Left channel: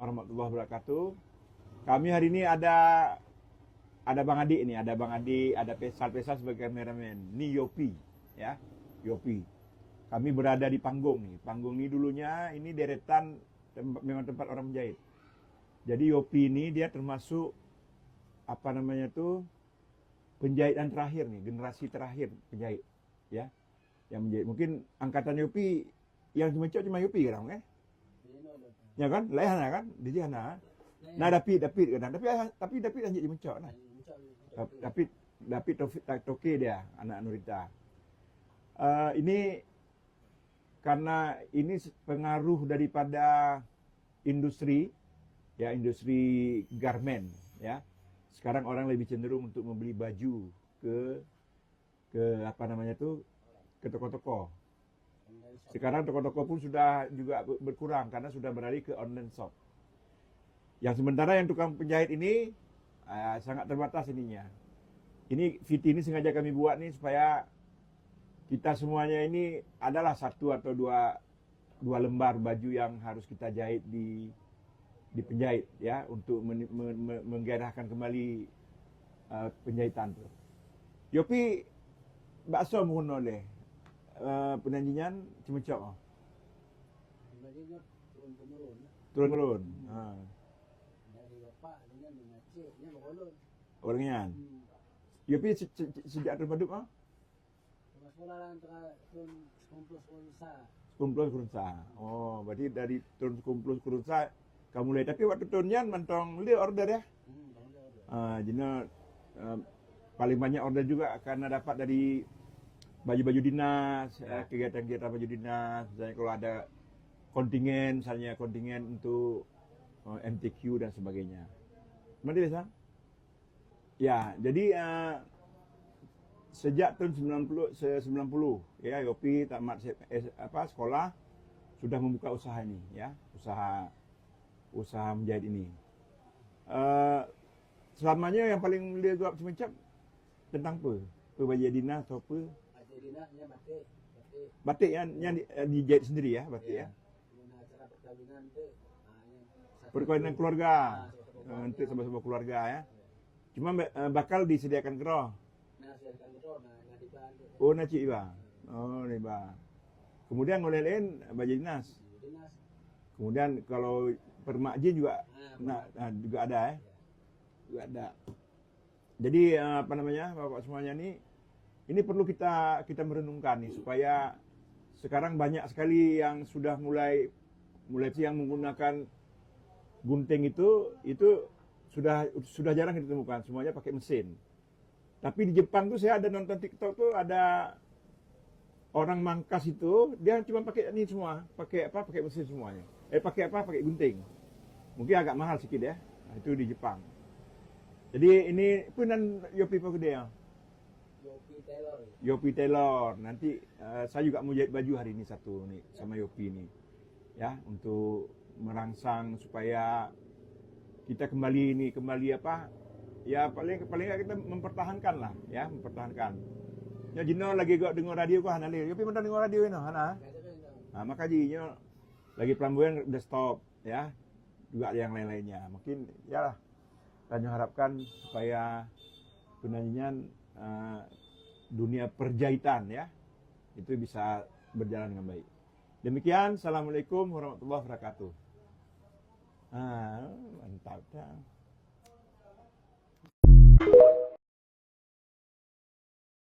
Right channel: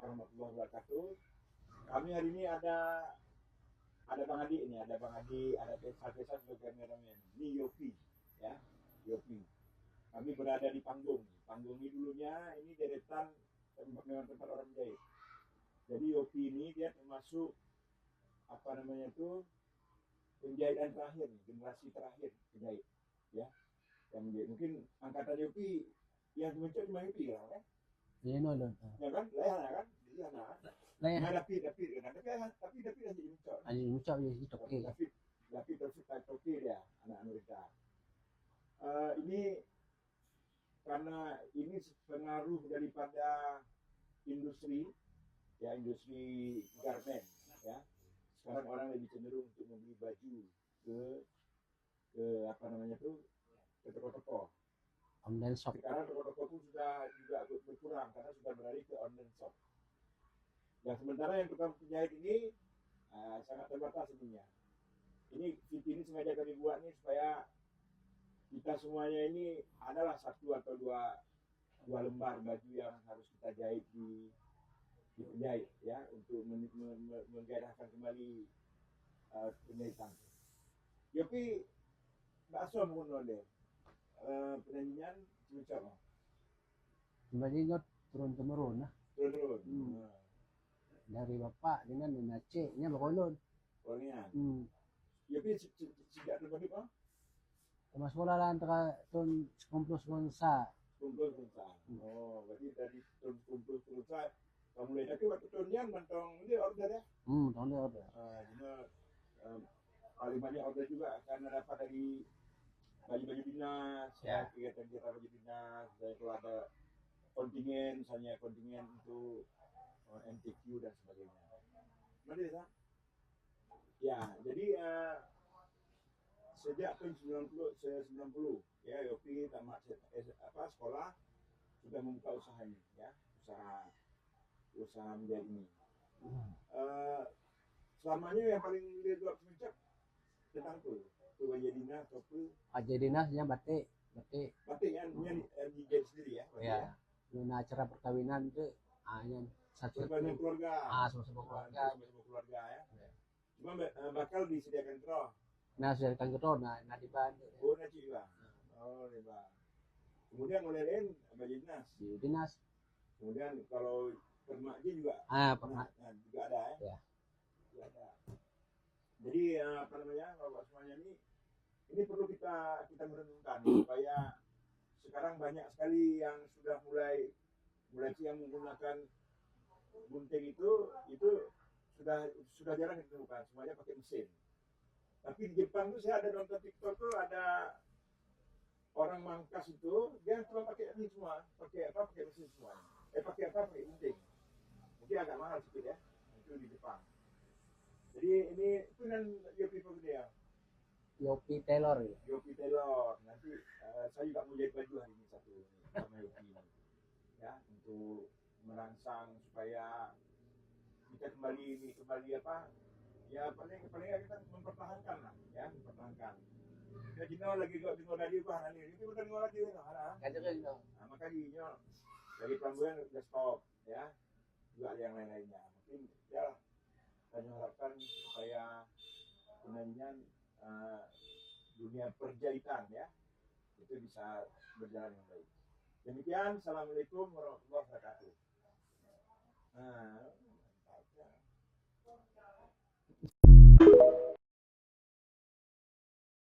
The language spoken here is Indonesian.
warahmatullahi wabarakatuh. Kami hari ini ada Bang Adi ini, ada Bang Adi, ada Pesal sebagai kameramen. Ini Yopi, ya, Yopi. Kami berada di panggung nih. Panggung ini dulunya ini deretan memang tempat orang menjahit. Jadi Yopi ini dia termasuk apa namanya tuh penjahitan terakhir nih, generasi terakhir penjahit, ya, yang menjahit. Mungkin angkatan Yopi yang cuma Yopi kan, Iya, no. ya kan, lain kan, di sana. Nah, David kadang, tapi David hanya mencok, nah. Anjing ucap je gitu. David Toke dia, anak Nurita. Ini karena ini pengaruh daripada industri, ya, industri garment, ya. Sekarang orang lebih cenderung untuk membeli baju ke apa namanya tuh, ke toko-toko. Online shop. Sekarang toko-toko pun sudah juga berkurang karena sudah beralih ke online shop. Yang sementara yang tukang penjahit ini sangat terbatas ininya. Ini VT ini sengaja kami buat nih supaya kita semuanya ini adalah satu atau dua lembar baju yang harus kita jahit di penjahit, ya, untuk menggairahkan kembali penjahitan tuh. Yopi bakso menggunakan oleh penanjingan cemecok. Sebenarnya turun-temurun lah. Turun-turun. Dari bapak dengan naciknya berkolon. Orangnya. Yopi sejak terbentuk Sama sekolah lah antara tahun 90-90. Sekumpul kurunsa. Oh, berarti dari tahun sekumpul kurunsa kamu mulai. Tapi waktu tahunnya mantong dia order ya. Tahun dia order. Jadi paling banyak order juga karena dapat dari baju-baju dinas, ya, kegiatan-kegiatan baju dinas. Misalnya kalau ada misalnya kontingen untuk MTQ dan sebagainya. Berarti biasa? Ya, jadi sejak tahun 90 ya, Yopi tamat sekolah sudah membuka usaha ini, ya, usaha menjahit ini. Selamanya yang paling dia buat semacam tentang apa? Baju dinas atau apa? Baju dinasnya batik. Batik yang dijahit sendiri ya, batik ya. Guna acara perkawinan tu yang perkawinan keluarga. Sama-sama keluarga. Untuk sama-sama keluarga ya. Cuma bakal disediakan keroh. Nah, sediakan keroh nah diban. Oh, nacik iba. Oh, iba. Kemudian oleh lain baju dinas. Dinas. Kemudian kalau permakjin juga juga ada ya. Juga ada. Jadi apa namanya, Bapak semuanya ini perlu kita merenungkan nih, supaya sekarang banyak sekali yang sudah mulai yang menggunakan gunting itu sudah jarang kita temukan, semuanya pakai mesin. Tapi di Jepang tuh saya ada nonton TikTok tuh ada orang mangkas itu dia cuma pakai ini semua, pakai mesin semuanya. Pakai gunting. Mungkin agak mahal sedikit ya. Nah, itu di Jepang. Jadi ini punan Yopi apa gede ya? Yopi Taylor. Yopi Taylor. Nanti saya juga mau jahit baju hari ini satu nih sama Yopi ini. Ya, untuk merangsang supaya kita kembali apa? Ya paling enggak kita mempertahankan lah, ya, mempertahankan. Ya Jino lagi gak dengar radio kok Hana li. Yopi pernah dengar radio ini Hana? Nah, maka Jino lagi pelambuyan udah stop, ya. Juga ada yang lain-lainnya. Mungkin ya lah. Dan harapkan supaya penanjian dunia perjahitan ya itu bisa berjalan dengan baik. Demikian, assalamualaikum warahmatullahi wabarakatuh.